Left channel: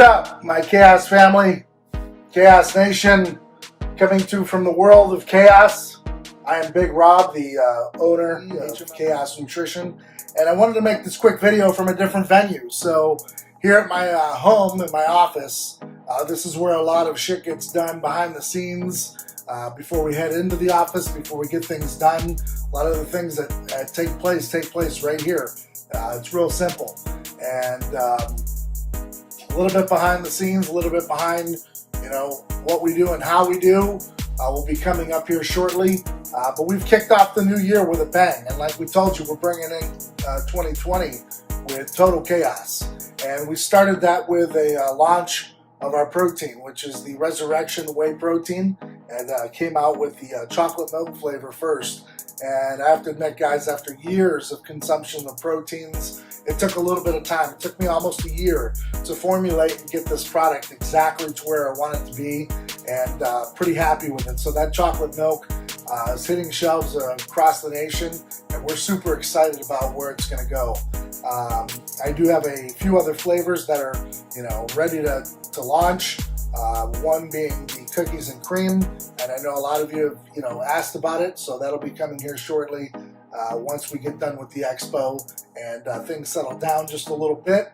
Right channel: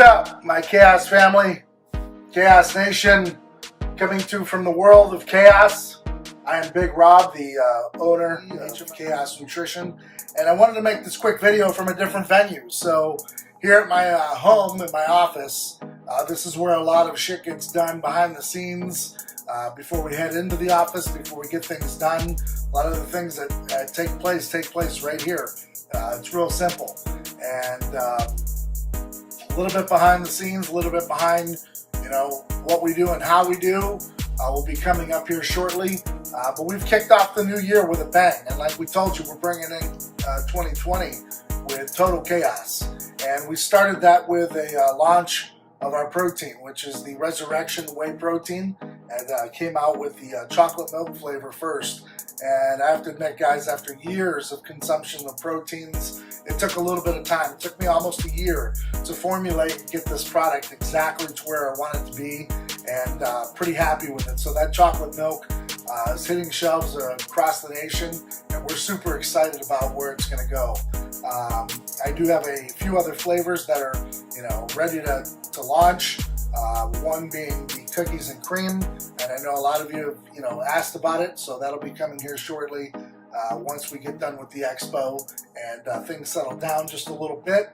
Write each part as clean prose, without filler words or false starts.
up, my Chaos family, Chaos Nation, coming to you from the world of chaos. I am Big Rob, the owner of Chaos Nutrition, and I wanted to make this quick video from a different venue. So here at my home, in my office, this is where a lot of shit gets done behind the scenes before we head into the office, before we get things done. A lot of the things that take place right here. It's real simple. And a little bit behind the scenes, a little bit behind, what we do and how we do will be coming up here shortly. But we've kicked off the new year with a bang. And like we told you, we're bringing in 2020 with total chaos. And we started that with a launch of our protein, which is the Resurrection Whey Protein, and came out with the chocolate milk flavor first. And I have to admit, guys, after years of consumption of proteins, it took a little bit of time. It took me almost a year to formulate and get this product exactly to where I want it to be, and pretty happy with it. So that chocolate milk is hitting shelves across the nation, and we're super excited about where it's going to go. I do have a few other flavors that are, ready to launch. One being the cookies and cream, and I know a lot of you have, asked about it, so that'll be coming here shortly. Once we get done with the expo and things settle down just a little bit,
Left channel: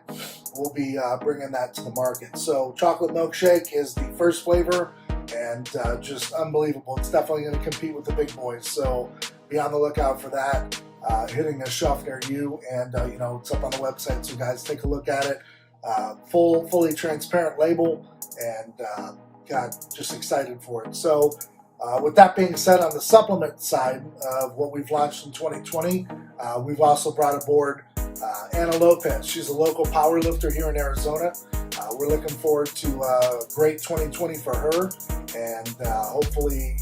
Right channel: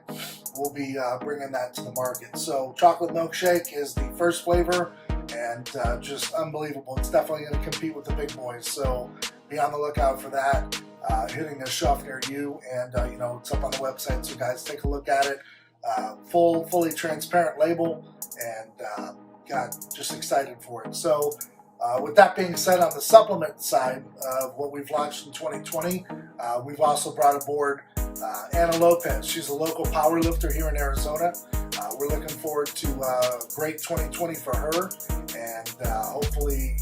we'll be bringing that to the market. So chocolate milkshake is the first flavor, and just unbelievable. It's definitely going to compete with the big boys, so be on the lookout for that hitting a shelf near you. And it's up on the website, so guys, take a look at it. Fully transparent label, and God, just excited for it. So with that being said, on the supplement side of what we've launched in 2020, we've also brought aboard Anna Lopez. She's a local power lifter here in Arizona. We're looking forward to a great 2020 for her, and hopefully,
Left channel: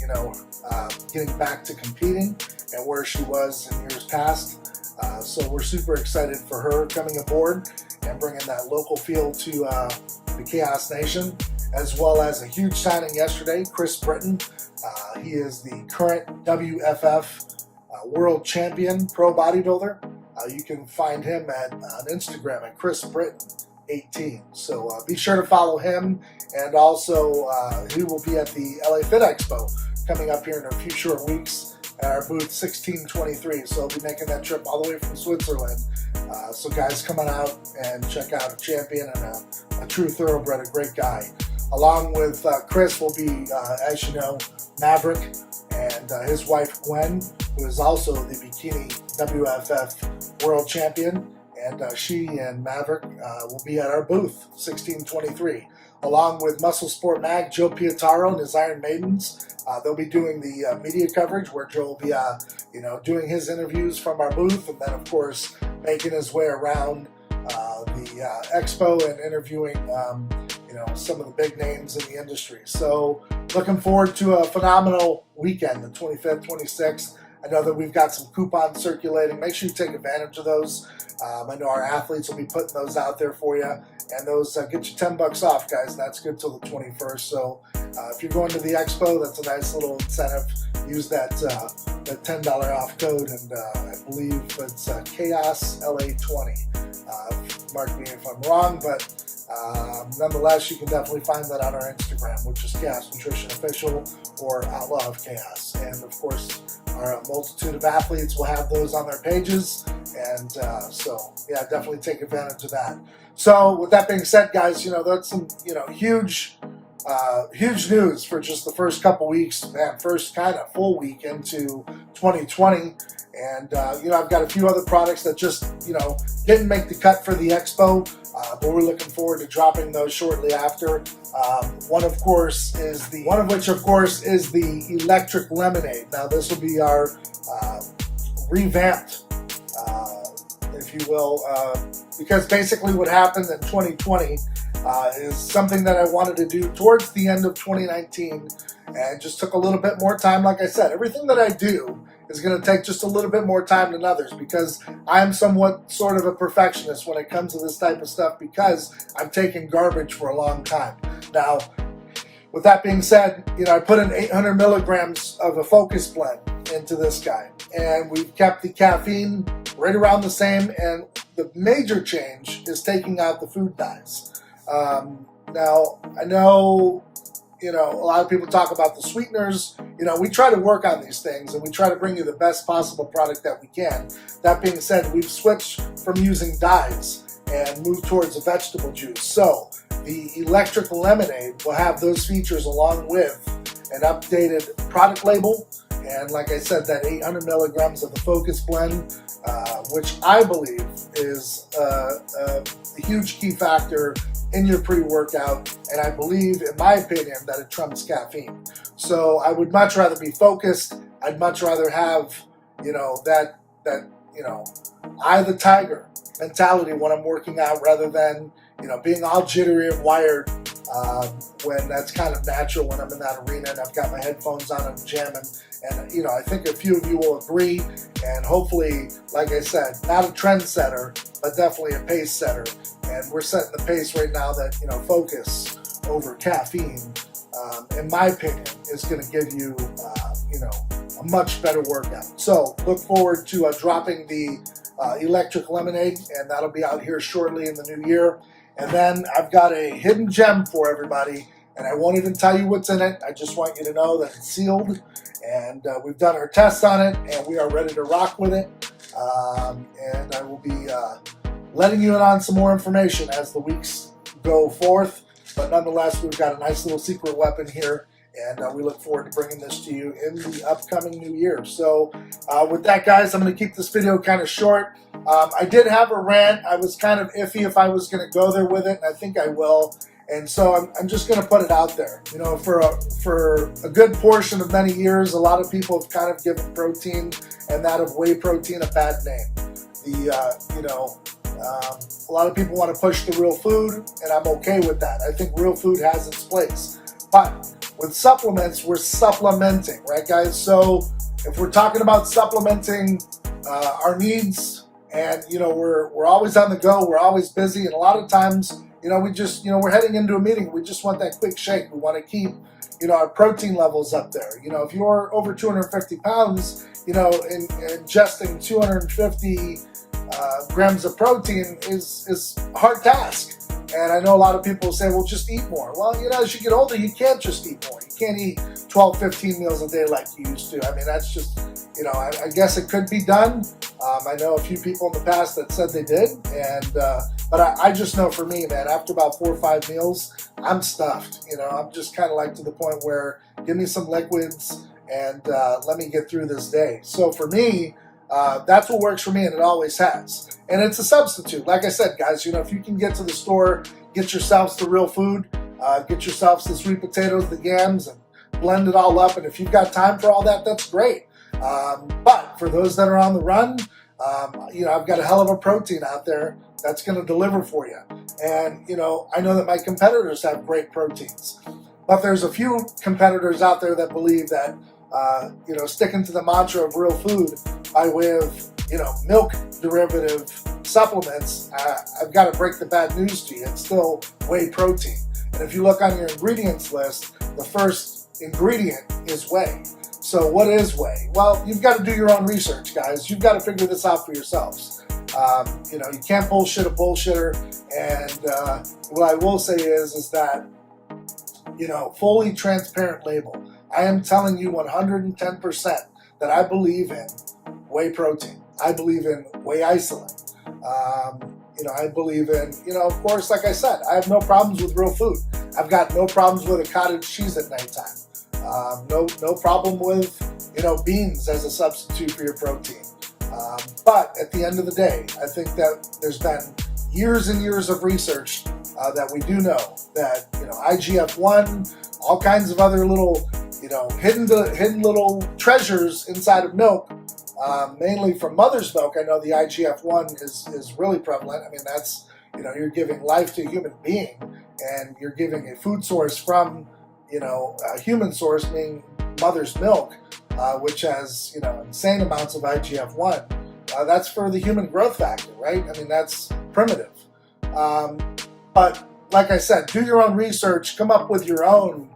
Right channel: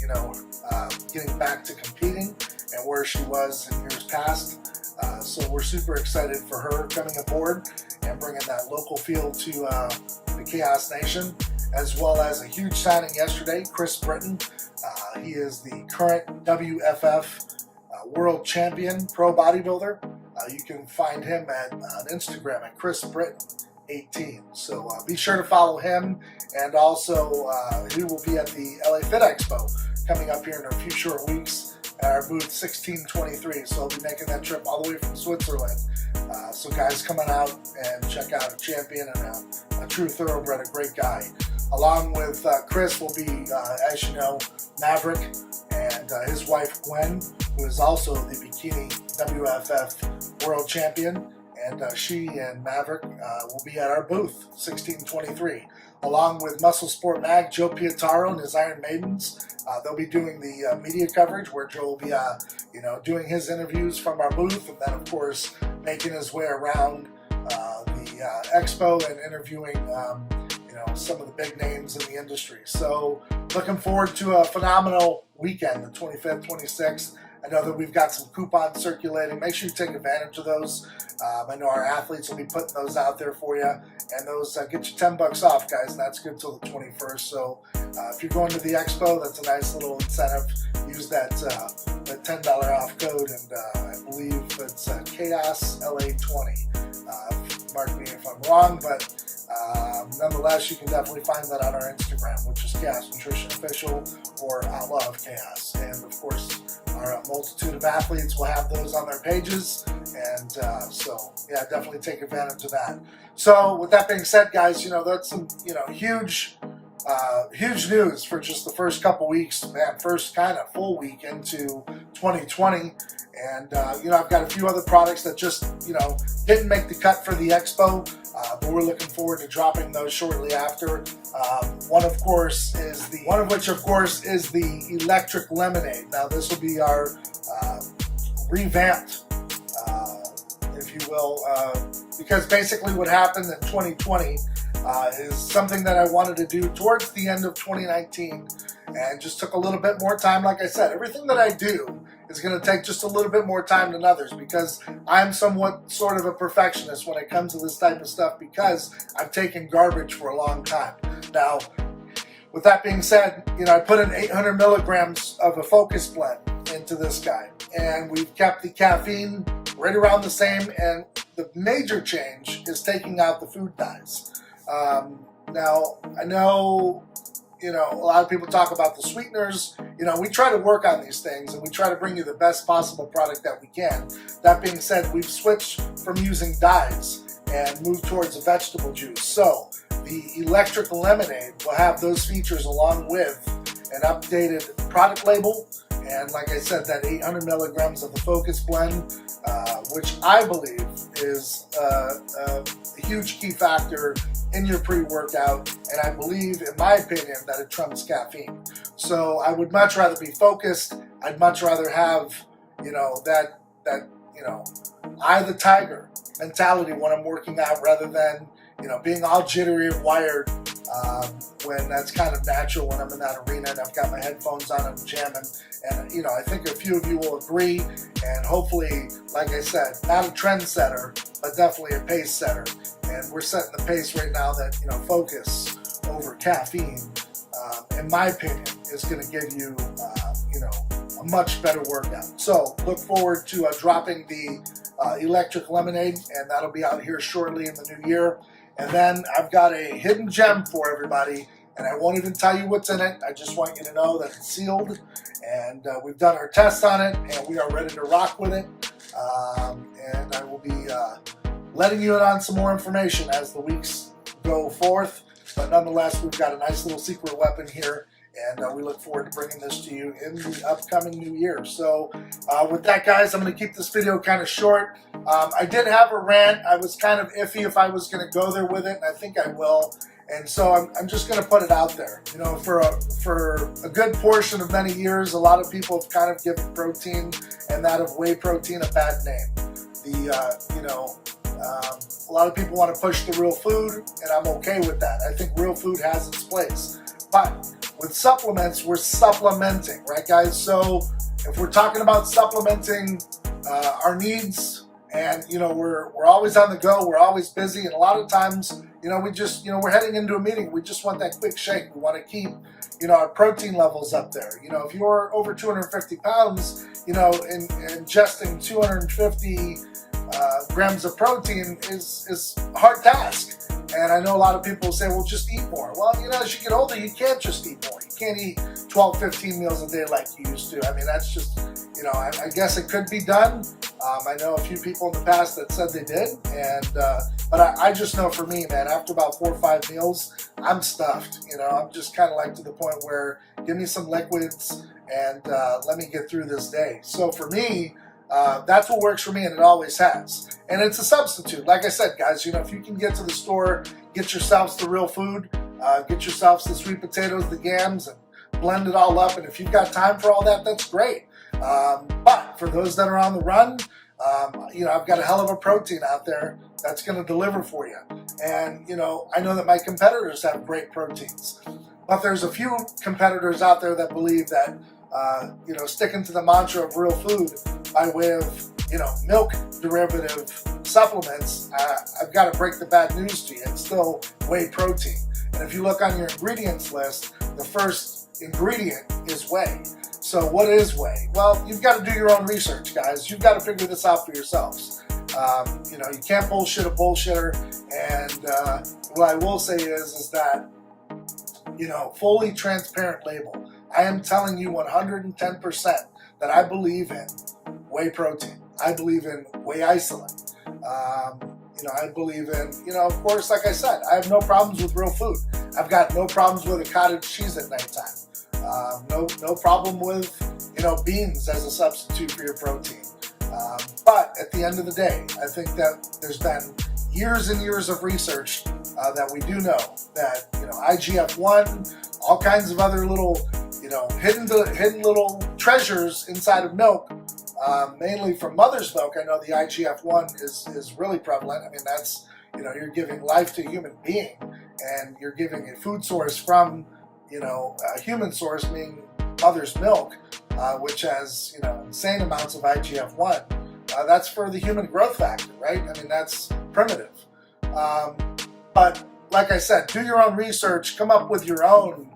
getting back to competing and where she was in years past. So we're super excited for her coming aboard and bringing that local feel to the Chaos Nation, as well as a huge signing yesterday, Chris Britton. He is the current WFF World Champion Pro Bodybuilder. You can find him on Instagram at Chris Britton 18. So be sure to follow him, and also he will be at the LA Fit Expo coming up here in a few short weeks at our booth 1623. So I'll be making that trip all the way from Switzerland. So guys, come on out and check out a champion and a true thoroughbred, a great guy. Along with Chris will be, as you know, Maverick and his wife Gwen, who is also the Bikini WFF World Champion. And she and Maverick will be at our booth 1623. Along with Muscle Sport Mag, Joe Pietaro and his Iron Maidens. They'll be doing the media coverage, where Joe will be, doing his interviews from our booth, and then, of course, making his way around the expo and interviewing, some of the big names in the industry. So, looking forward to a phenomenal weekend, the 25th, 26th. I know that we've got some coupons circulating. Make sure you take advantage of those. I know our athletes will be putting those out there for you. And those get you $10 off, guys. And that's good till the 21st. So if you're going to the expo, that's a nice little incentive. Use that $10 off code. And I believe it's Chaos LA20. Mark me if I'm wrong, but nonetheless, you can definitely find that on our Instagram, which is Chaos Nutrition Official or Outlaw of Chaos. And of course, our multitude of athletes will have those on their pages, and definitely take advantage of that. So with that being said, guys, that's some huge news for just the first couple weeks, man. First kind of full week into 2020. And, I've got a few other products that just, didn't make the cut for the expo, but we're looking forward to dropping those shortly after. One of which, of course, is the electric lemonade. Now, this will be our revamped, if you will, because basically what happened in 2020 is something that I wanted to do towards the end of 2019, and just took a little bit more time. Like I said, everything that I do is going to take just a little bit more time than others, because I'm somewhat sort of a perfectionist when it comes to this type of stuff, because I've taken garbage for a long time. Now, with that being said, I put in 800 milligrams of a focus blend into this guy, and we've kept the caffeine right around the same, and the major change is taking out the food dyes. Now, I know, a lot of people talk about the sweeteners. We try to work on these things and we try to bring you the best possible product that we can. That being said, we've switched from using dyes and moved towards a vegetable juice. So the electric lemonade will have those features along with an updated product label. And like I said, that 800 milligrams of the Focus blend, which I believe is a huge key factor in your pre-workout, and I believe, in my opinion, that it trumps caffeine. So I would much rather be focused. I'd much rather have, that eye the tiger mentality when I'm working out, rather than, being all jittery and wired when that's kind of natural when I'm in that arena and I've got my headphones on and jamming. And, I think a few of you will agree, and hopefully, like I said, not a trendsetter, but definitely a pace setter. And we're setting the pace right now that, Focus over caffeine, in my opinion, is going to give you, a much better workout. So look forward to dropping the electric lemonade, and that'll be out here shortly in the new year. And then I've got a hidden gem for everybody, and I won't even tell you what's in it. I just want you to know that it's sealed, and we've done our tests on it, and we are ready to rock with it. And I will be letting you in on some more information as the weeks go forth. But nonetheless, we've got a nice little secret weapon here, and we look forward to bringing this to you in the upcoming new year. So with that, guys, I'm going to keep this video kind of short. I did have a rant. I was kind of iffy if I was going to go there with it, and I think I will. And so I'm just going to put it out there. For a good portion of many years, a lot of people have kind of given protein and that of whey protein a bad name. A lot of people want to push the real food, and I'm okay with that. I think real food has its place. But with supplements, we're supplementing, right, guys? So if we're talking about supplementing our needs, and we're always on the go, we're always busy, and a lot of times, we just, we're heading into a meeting, we just want that quick shake. We want to keep, our protein levels up there. If you're over 250 pounds, ingesting 250 grams of protein is a hard task. And I know a lot of people say, well, just eat more. Well, as you get older, you can't just eat more. You can't eat 12, 15 meals a day like you used to. I mean, that's just, I guess it could be done. I know a few people in the past that said they did. But I just know for me, man, after about 4 or 5 meals, I'm stuffed. I'm just kind of like to the point where give me some liquids and let me get through this day. So for me, that's what works for me, and it always has. And it's a substitute. Like I said, guys, if you can get to the store, get yourselves the real food, get yourselves the sweet potatoes, the yams, and blend it all up. And if you've got time for all that, that's great. But for those that are on the run, I've got a hell of a protein out there that's going to deliver for you. And, I know that my competitors have great proteins. But there's a few competitors out there that believe that, sticking to the mantra of real food by way of, milk derivative supplements, I've got to break the bad news to you. It's still whey protein. And if you look on your ingredients list, the first ingredient is whey. So what is whey? Well, you've got to do your own research, guys. You've got to figure this out for yourselves. You can't bullshit a bullshitter. And what I will say is that, fully transparent label. I am telling you 110% that I believe in whey protein. I believe in whey isolate. I believe in, of course, like I said, I have no problems with real food. I've got no problems with a cottage cheese at nighttime. No problem with, beans as a substitute for your protein. But at the end of the day, I think that there's been years and years of research that we do know that, IGF-1, all kinds of other little, hidden little treasures inside of milk, mainly from mother's milk. I know the IGF-1 is really prevalent. I mean, that's, you're giving life to a human being, and you're giving a food source from, a human source, meaning mother's milk, which has, insane amounts of IGF-1. That's for the human growth factor, right? I mean, that's primitive. But like I said, do your own research, come up with your own,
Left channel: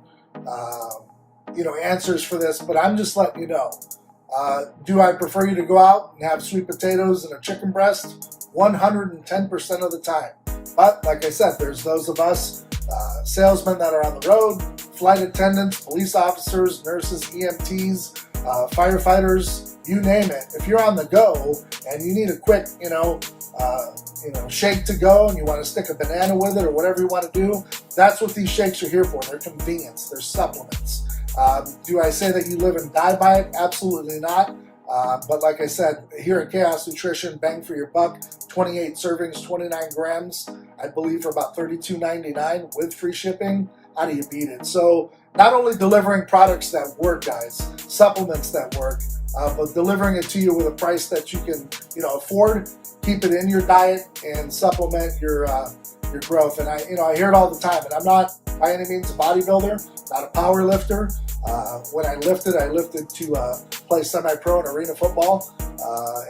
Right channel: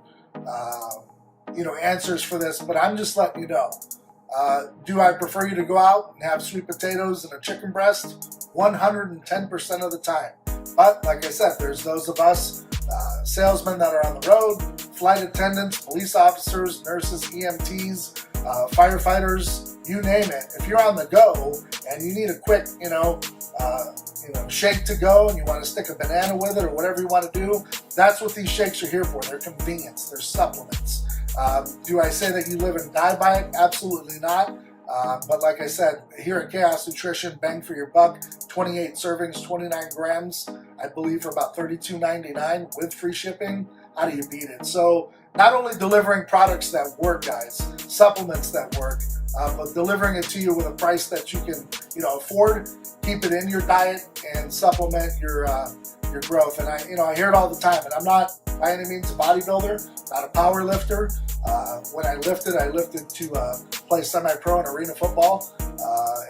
answers for this. But I'm just letting you know. Do I prefer you to go out and have sweet potatoes and a chicken breast? 110% of the time. But like I said, there's those of us, salesmen that are on the road, flight attendants, police officers, nurses, EMTs, firefighters, you name it. If you're on the go and you need a quick, shake to go and you want to stick a banana with it or whatever you want to do, that's what these shakes are here for. They're convenience. They're supplements. Do I say that you live and die by it? Absolutely not. But like I said, here at Chaos Nutrition, bang for your buck, 28 servings, 29 grams, I believe for about $32.99 with free shipping. How do you beat it? So not only delivering products that work, guys, supplements that work, but delivering it to you with a price that you can, afford, keep it in your diet, and supplement your growth. And I hear it all the time. And I'm not by any means a bodybuilder, not a power lifter. When I lifted to play semi-pro and arena football,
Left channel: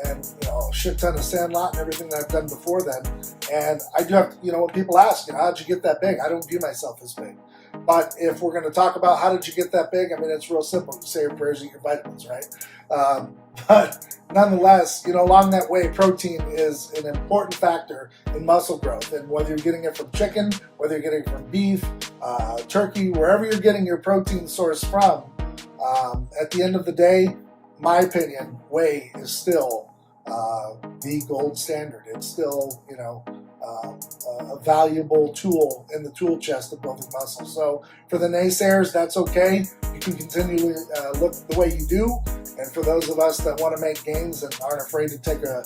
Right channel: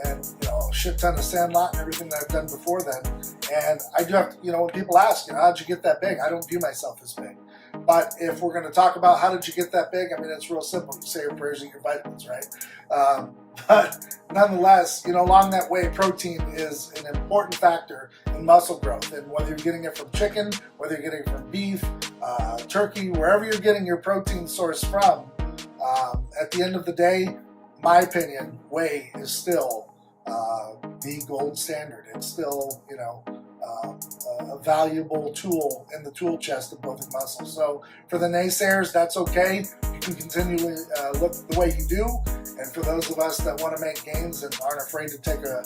and a shit ton of sandlot and everything that I've done before then. And I do have, when people ask, how'd you get that big? I don't view myself as big. But if we're going to talk about how did you get that big, it's real simple. You say your prayers and your vitamins, right? But nonetheless, along that way, protein is an important factor in muscle growth. And whether you're getting it from chicken, whether you're getting it from beef, turkey, wherever you're getting your protein source from, at the end of the day, my opinion, whey is still the gold standard. It's still, a valuable tool in the tool chest of building muscle. So for the naysayers, that's okay. You can continually look the way you do. And for those of us that want to make gains and aren't afraid to take a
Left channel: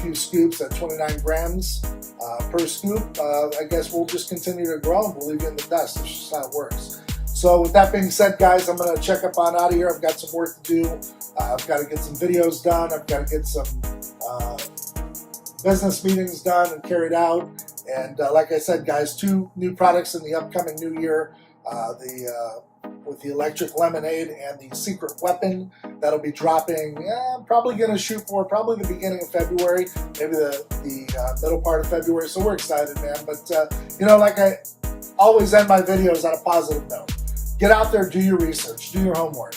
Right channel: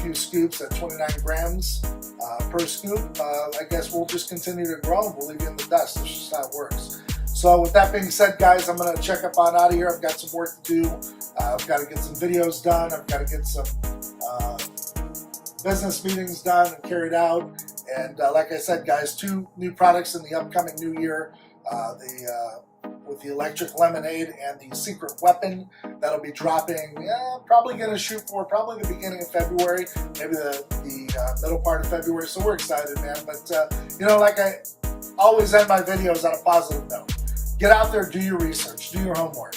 few scoops at 29 grams per scoop, I guess we'll just continue to grow and we'll leave you in the dust. That's just how it works. So with that being said, guys, I'm going to check up on out of here. I've got some work to do. I've got to get some videos done. I've got to get some business meetings done and carried out. And like I said, guys, 2 new products in the upcoming new year. With the electric lemonade and the secret weapon that'll be dropping. I'm probably going to shoot for probably the beginning of February, maybe the middle part of February. So we're excited, man. But like I always end my videos on a positive note. Get out there, do your research, do your homework.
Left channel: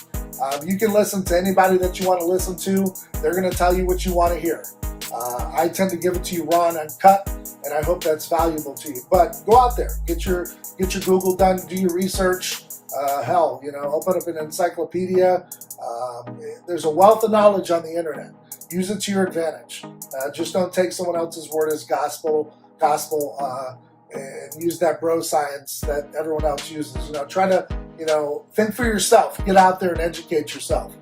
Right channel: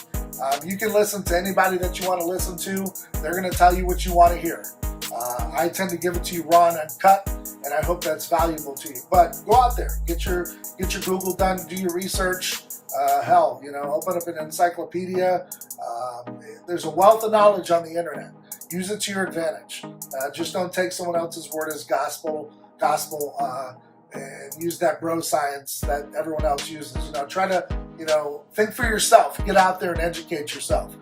You can listen to anybody that you want to listen to. They're going to tell you what you want to hear. I tend to give it to you raw and uncut, and I hope that's valuable to you. But go out there, get your Google done, do your research. Open up an encyclopedia. There's a wealth of knowledge on the internet. Use it to your advantage. Just don't take someone else's word as gospel, and use that bro science that everyone else uses. Try to, think for yourself. Get out there and educate yourself.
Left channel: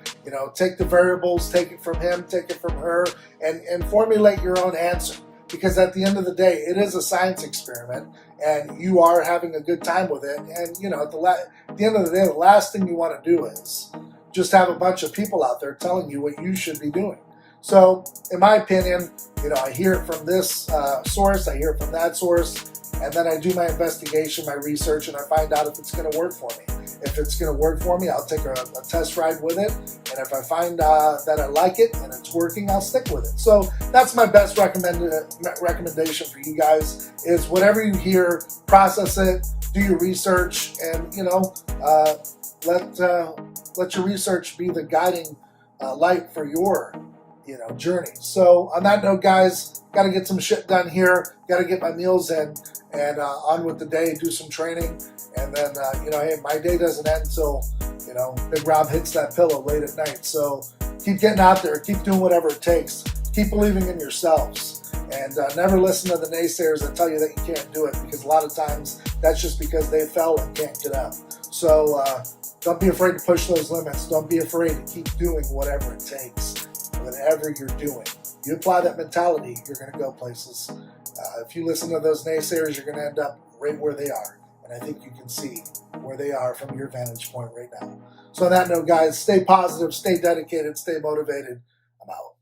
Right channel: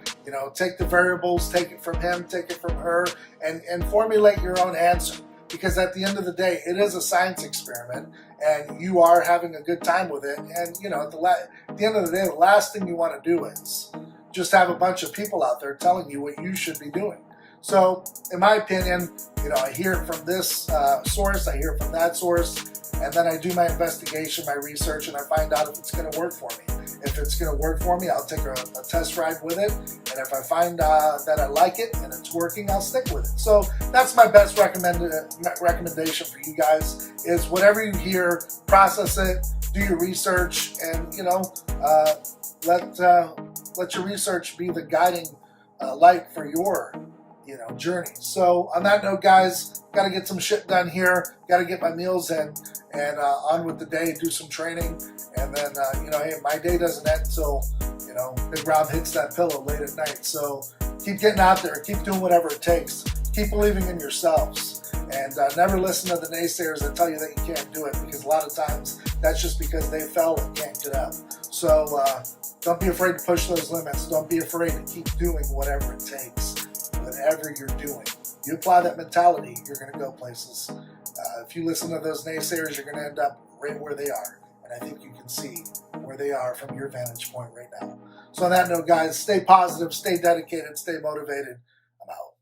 Take the variables, take it from him, take it from her, and formulate your own answer. Because at the end of the day, it is a science experiment, and you are having a good time with it. And, at the end of the day, the last thing you want to do is just have a bunch of people out there telling you what you should be doing. So, in my opinion, I hear it from this source, I hear it from that source, and then I do my investigation, my research, and I find out if it's going to work for me. If it's going to work for me, I'll take a test ride with it. And if I find that I like it and it's working, I'll stick with it. So that's my best recommendation for you guys is whatever you hear, process it, do your research, and, let your research be the guiding light for your, journey. So on that note, guys, got to get some shit done here. Got to get my meals in and on with the day, do some training. And then, hey, my day doesn't end until, Big Rob hits that pillow late at night. So keep getting out there. Keep doing whatever it takes. Keep believing in yourselves. And never listen to the naysayers that tell you that you can't do it, because a lot of times that's just because they fell and can't get up. So don't be afraid to push those limits. Don't be afraid to keep doing whatever it takes, whatever you're doing. You apply that mentality, you're going to go places. If you listen to those naysayers, you're going to end up right where they are. And I think you can see where they are from your vantage point right now. So on that note, guys, stay positive, stay dedicated, stay motivated. I'm out.